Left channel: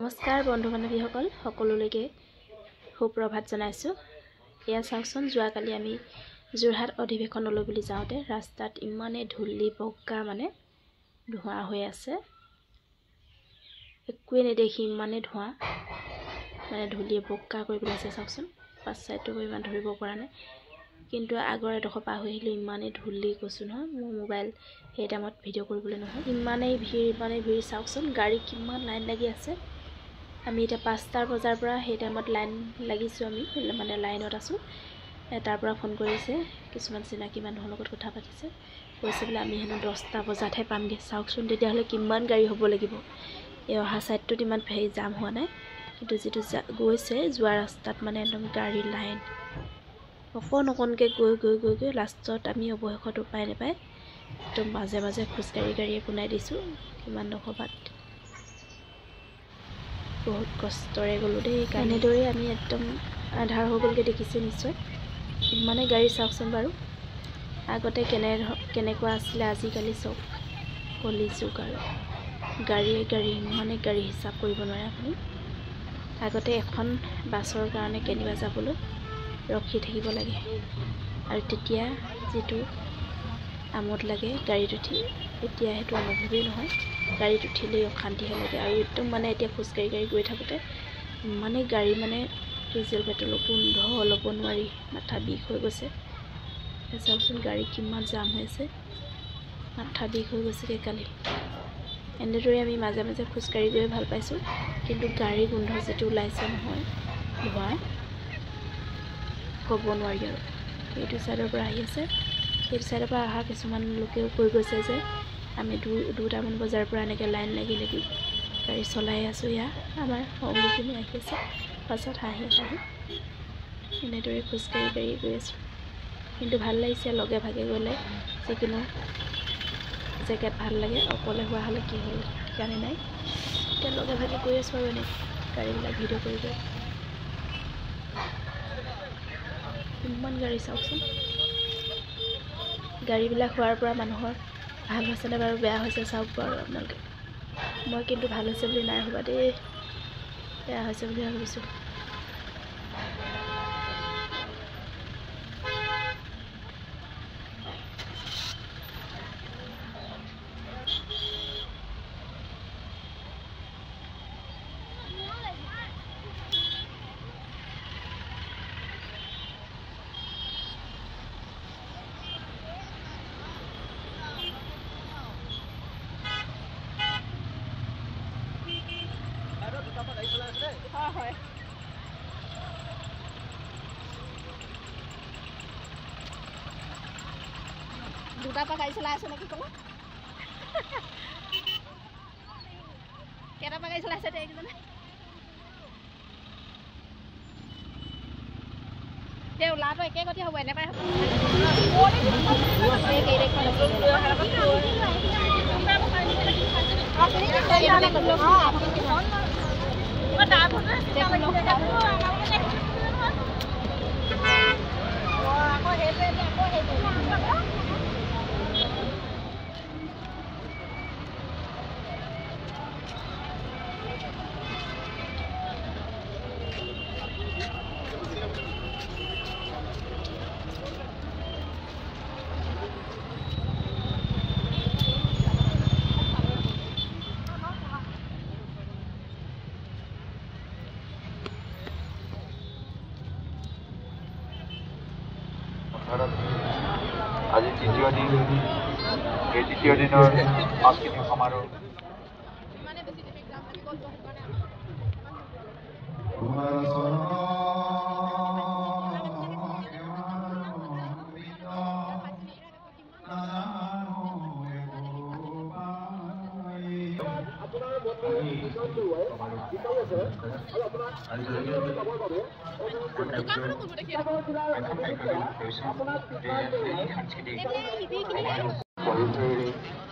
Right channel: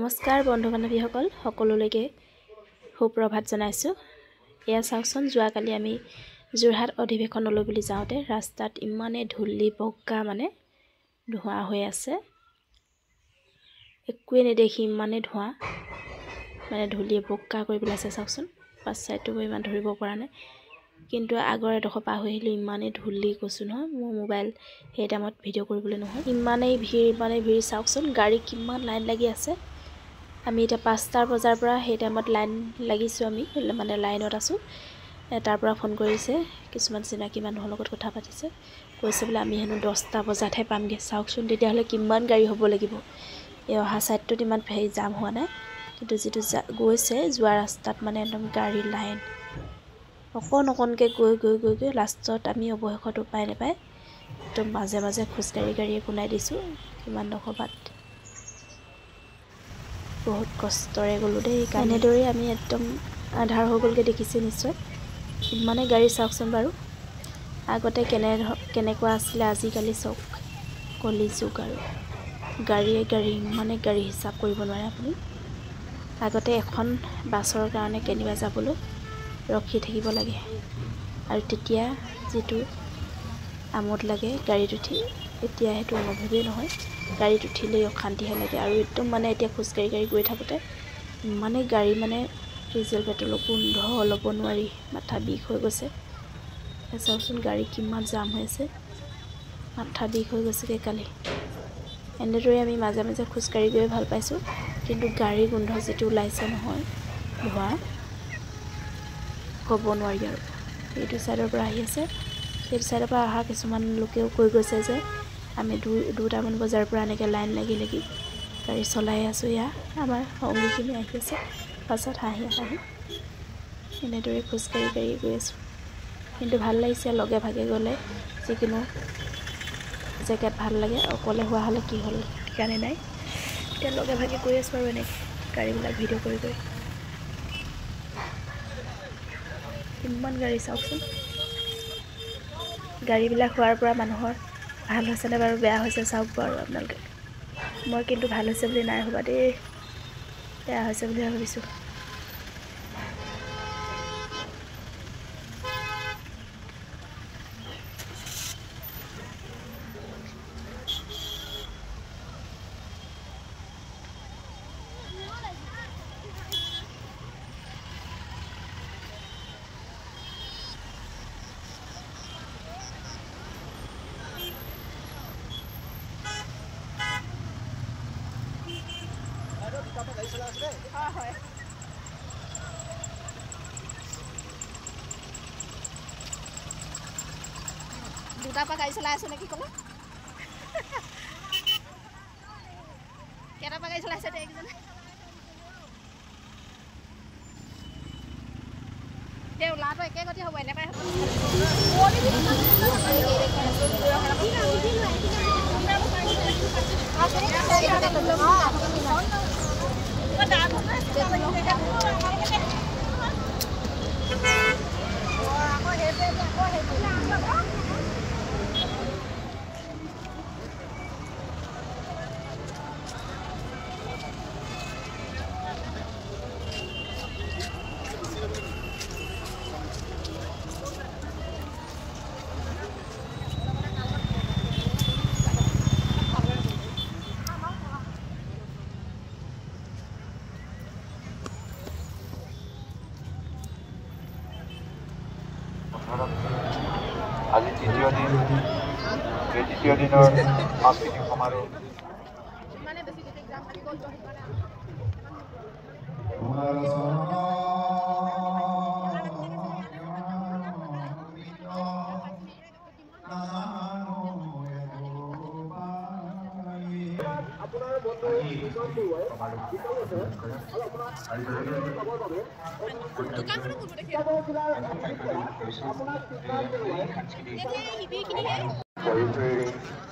নমস্কাৰ বন্ধু বান্ধৱীসকল সকলোলৈকে সুপ্ৰভাত জনাইছোঁ। এয়া চাওকচোন, যোৱাকালি আমি যোৰহাট অধিৱেশনলৈ বুলি যাওঁতে ৰাস্তাত ইমানে ধূলি বগা মানে ধোঁৱা হৈ আছে, একোৱে নেদেখি ইমানে ধোঁৱা মানে ধূলিয়ে বগা কৰি পেলাইছে। চাওকচোন, পাছ চাইডটো ইমান ধৰিব পৰা নাই, কিন্তু আগৰ এডোখৰ পাৰ হৈ আহিলোঁ। ইমানেই ধূলি কৈছোঁ নহয়, মোৰ মোবাইল সেই টাইমত ভিডিঅ' কৰিবলৈ নহয়, ইমানেই ভিৰ চাওকচোন, গাড়ী কিমান লাইন লাগি আছে। আমি এতিয়া 5টা বজাৰ পৰা সেই টাইমত লাইন লাগিছোঁ, আমি মানে লাইনত আছোঁ। তাৰ পৰা ফোন কৰিছে, কিছুমান চিনাকি মানুহৰ লগত কথা পাতিছে, কৈছে বোলে আমি হেনো 10টা বজাতহে পামগৈ। চাওকচোন, তেতিয়াহ'লে কিমান গাড়ী হ'ব লাগিব। এই অহা ছাইডটোত ইমান জাম হোৱা নাই, কিন্তু যিটো গৈছে যোৱা ৰাস্তাত মানে একদম গাড়ী লাইন অকণকৈ গৈ লাষ্টত আমি অৱশেষত উপায় নাপায় একদম মাজে মাজে খোজকাঢ়ি পোনাই দিছোঁ। কিমানডোখৰ বাট বহুত কষ্টৰে গ'লোঁ দেই। এনেদৰেই আমি একদম আধাৰ হৈ গ'লগৈ, দেখিছে নিশ্চয়। ইমানে গাড়ী চাওকচোন বাৰু, আগতে কেনেকুৱা আছিলে, আজিকালি চব কলি যুগ আৰু গাড়ী ইমানে গাড়ী হিচাপ কৰিব নোৱাৰে আপুনি। আগতে এখন বাছৰ কাৰণে কেনিবা যাবলৈ ৰখি থাকিব লাগে, আৰু তেতিয়া যিটো আমোদ লাগে গাড়ীত উঠি, এতিয়া সেইটো অনুভৱেই নহয়। গাড়ীত উঠিলেই অশান্তিহে লাগে, আৰু একদম মানে এতিয়া খোজকাঢ়ি গৈ থাকোঁতে ইমানেই গাড়ী মানে ডিজেল পেট্ৰলৰ গোন্ধ ল'ব নোৱাৰি, মাথা বিষ হৈ গৈছে। চাওকচোন গাড়ী কিমান জাম হৈ আছে, মাথা বিষ হৈ গৈছেগৈ কালি। এনেদৰে আমি মাজে মাজে খোজকাঢ়ি গৈ ভাল পাইছোঁ, কিন্তু গাড়ী গোন্ধ যিটো ওলাইছে নহয়, ধোঁৱা, ক'ব নোৱাৰি আৰু। এইটো ছাইডৰ পৰা আহি আছে, সেইটো ছাইডৰ পৰা অহা কিছুমান লোকেও কৈ গৈছে যে আমি 2টামান বজাৰ পৰা এনেকৈ লাইন লাগি গাড়ী চলাই আছোঁ। এয়া আমাৰ সংগীখিনি আহি আছে পাছত হাঁহি এনেদৰে খোজকাঢ়ি গৈ আছোঁ। কিন্তু ভাল লাগিছে লগে ভাগে গ'লে, যিকোনো জেগাত ভাল লাগে। অকলে হোৱা হ'লে কি হ'ল ঠিকানে নাই। এতিয়া লগে ভাগে গৈ আছোঁ আৰু এনেকৈ গাড়ীবিলাক ভিডিঅ' কৰি কিমান গাড়ী চাওকচোন। গাড়ীবিলাক হোৱাৰ পৰা মানুহৰ ভাল হৈছেনে বাৰু বেয়া হৈছে চাওক বাৰু আপোনালোকে। মই কিন্তু ভাল হৈছে বুলি নাই ভবা দেই, বেয়া হৈছে বুলি ভাবিছোঁ। হয়, দুটাৰ পৰা গাড়ী চলাই আছে নেকি ক'লে? কেইটাৰ পৰা গাড়ী চলাইছে এতিয়া এইকেইজনে? সেই ওলাটো একে গতি হ'ব, এনেপাই হ'ব। আজি দ্বিতীয় দিন, এই দ্বিতীয় দিনৰ সাংস্কৃতিক সমাৰোহ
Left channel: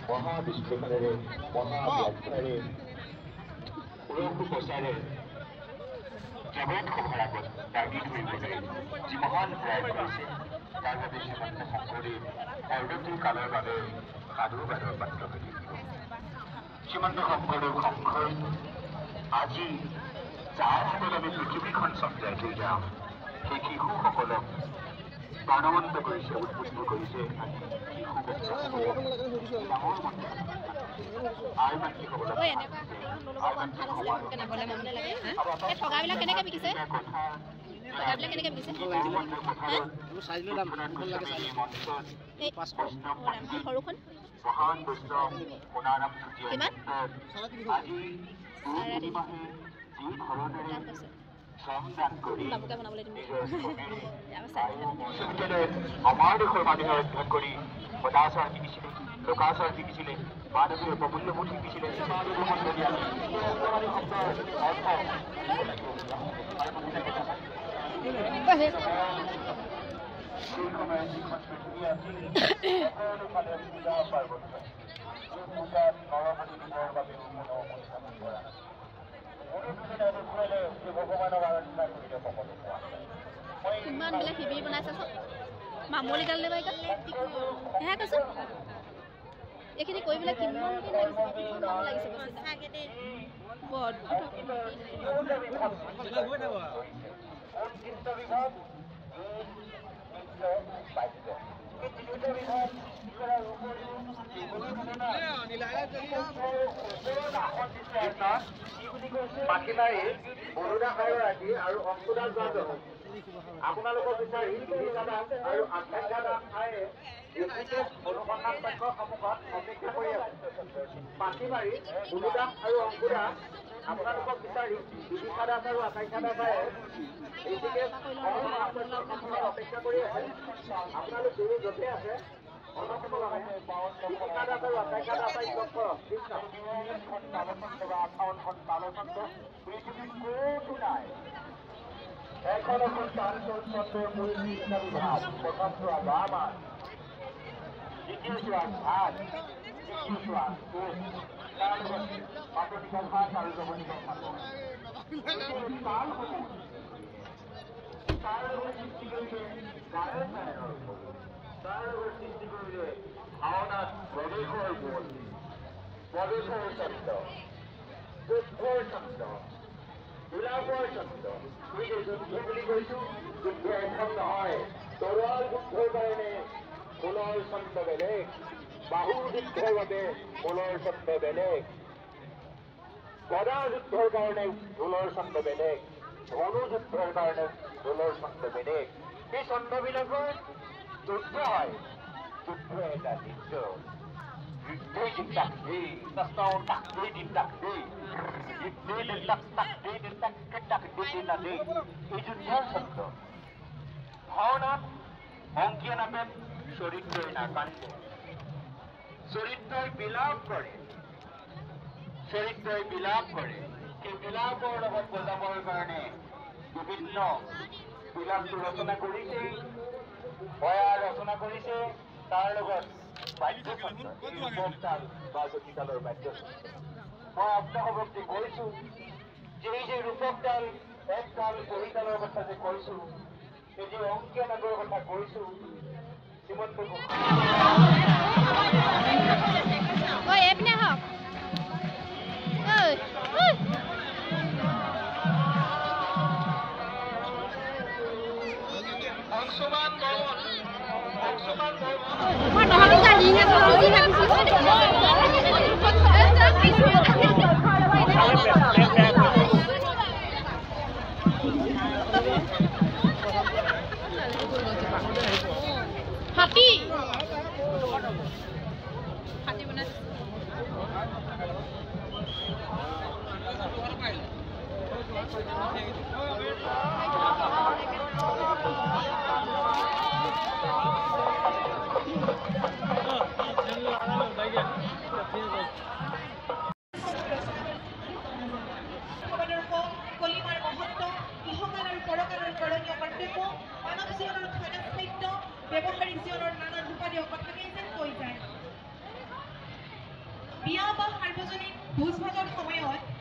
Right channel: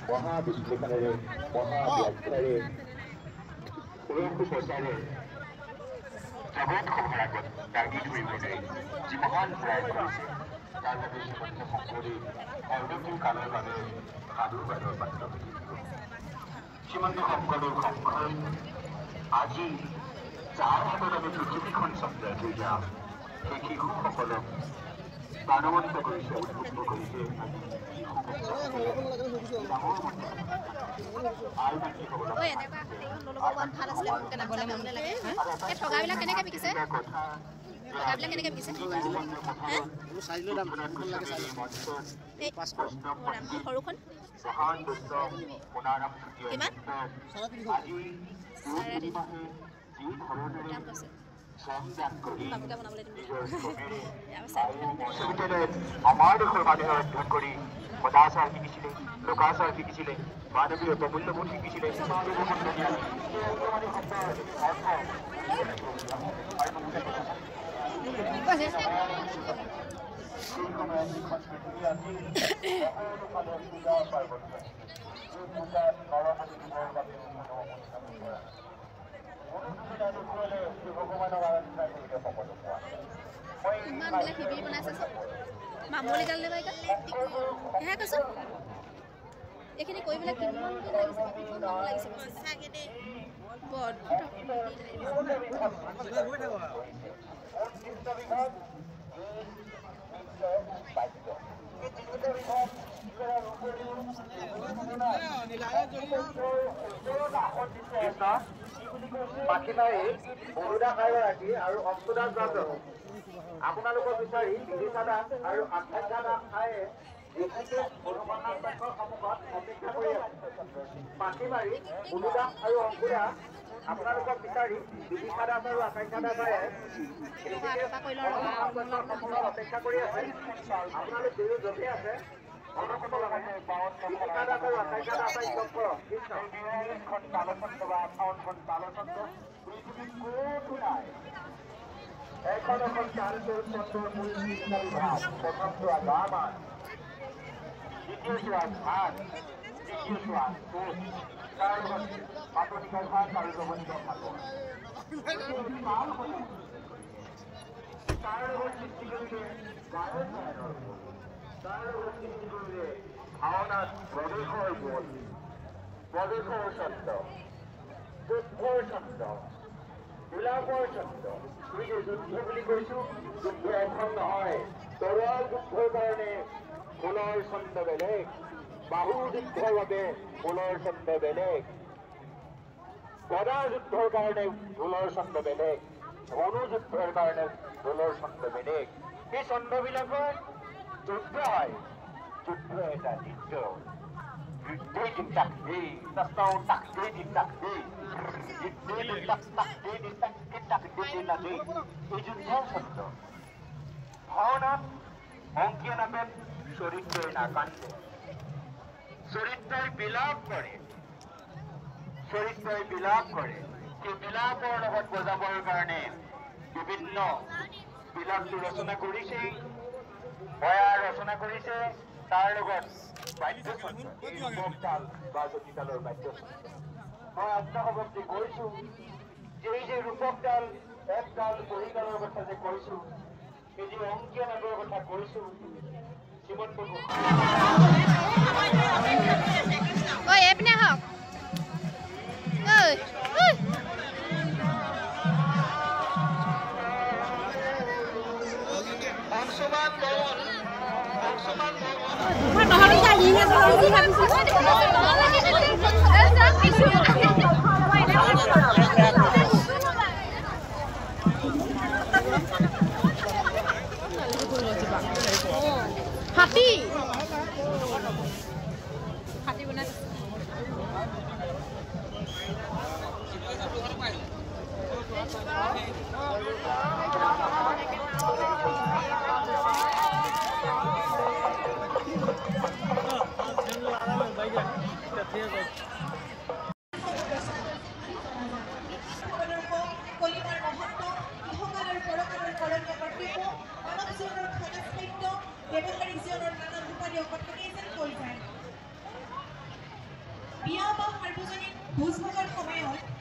মহাবিশ্লেষণেৰে মহাব্যাখ্যাৰে প্ৰচাৰে জগত সভাৰ আগত দাঙি ধৰিবলৈ যি মহান প্ৰয়াস কৰিছে, তাৰ বাবে শ্ৰীমন্ত শংকৰদেৱ অনন্ত কালৰ বাবে সাধুবাদৰ পাত্ৰ হৈ থাকিব। শ্ৰীমন্ত শংকৰদেৱ আজি যাৰ হাতত আমি পৃথিৱীখন চমজাই থৈ যাম সেই শিশুসকলক প্ৰাণৱন্ত কৰিছে, উদ্বুদ্ধ কৰিছে ঠগাবিলাক কেনেকৈ বিকিছে? সৰুখন আমাৰ দেশৰ মানুহে অধ্যয়ন কৰি সদাচাৰ শিকিছিলে, লোকাচাৰ শিকিছিলে, মানৱীয় প্ৰমূল্যবোধ শিকিছিলে। ইমান বোলে শিবিৰ বনাইছে চব মামলি গাল লেবা সেয়া কৈছোঁ। এইখিনি কৰিবলৈ কিমান দিন লাগিছে, কিমান মানুহ লাগিছে বৰ মাখিমাৰী বৰুদা খাই আৰু অংকুদাস যাদৱ আপোনালোকক বিচাৰি দাস আৰু আকাংক্ষা দাস খায়ে অনুসন্ধান কক্ষৰ সন্মুখত অপেক্ষা কৰি আছে। মাখিমাৰী বৰুদা আৰু অংকুদাস আপোনালোকক বিচাৰি দাস আৰু আকাংক্ষা দাস খায়ে অপেক্ষা কৰি আছে। আপোনালোক দুয়ো য'তে আছে অনসকলমে দীপিকা দাস আৰু আকাংক্ষা দাস লগ কৰক। কৃষ্ণ ভাওনাত প্ৰৱেশৰ গ'ল, প্ৰৱেশৰ শব্দ, যুদ্ধৰ শব্দ, গোলাপৰ শব্দ। যুদ্ধ বুলি কৈছো, যুদ্ধ এখন নহয়। তৰোৱাল যুদ্ধৰ কাৰণে ফুলৰ ছন্দ বেলেগ, বাহু যুদ্ধৰ বাবে ফুলৰ ছন্দ বেলেগ, গদা যুদ্ধৰ কাৰণে ফুলৰ ছন্দ বেলেগ, ধনু যুদ্ধৰ কাৰণে ফুলৰ ছন্দ বেলেগ। সেই ছন্দবিলাকৰ যুদ্ধ হয়। যুদ্ধ এটা নৃত্য, নৃত্যই চিন্তাক দেই তাস্তাও তাক দেই চিন্তাক দেই নৃত্যই তাক তাক দেই চিন্তাক চিন্তাক দেই চিন্তা দেই। এই যুদ্ধৰ শব্দ। ভাওনাত অংকীয়া নাটত চৰিত্ৰই নাকান্দে, চৰিত্ৰই বিলাপ কৰে, চৰিত্ৰই বিলাপ কৰে। সেই বিলাপৰ লগত বজাবৰ কাৰণে বিভিন্ন বিলাপটো ৰচনা কৰিছে, বয়া ৰচনা কৰিছে। তাৰ লগত বাদ্যযন্ত্ৰ, এই ৰূপক তাল বা জতিতালৰ বাদ্যযন্ত্ৰ। মই আপোনাসৱকে কৈছো যে এই যে ৰূপক তাল, এক তাল বহিতালৰ কথা যে কৈছো, এই যে অংকীয়া নাটৰ কথা কৈছো, শ্ৰীমন্ত এইপিনে হওক হাতী হাতী বনাই কলিমাৰ মহত্ব, ইহকাল আৰু পৰকালৰ কৰণীয় কৰ্তব্য, মানৱ জীৱনৰ খাদ্য খাদ্য, ব্যৱহাৰিক জীৱনৰ নানান ৰূপালী কথাকেই যেন কৈ যায়। বিয়া বা সাৰ্বজনীন ভোজ ভাতৰ সময়ত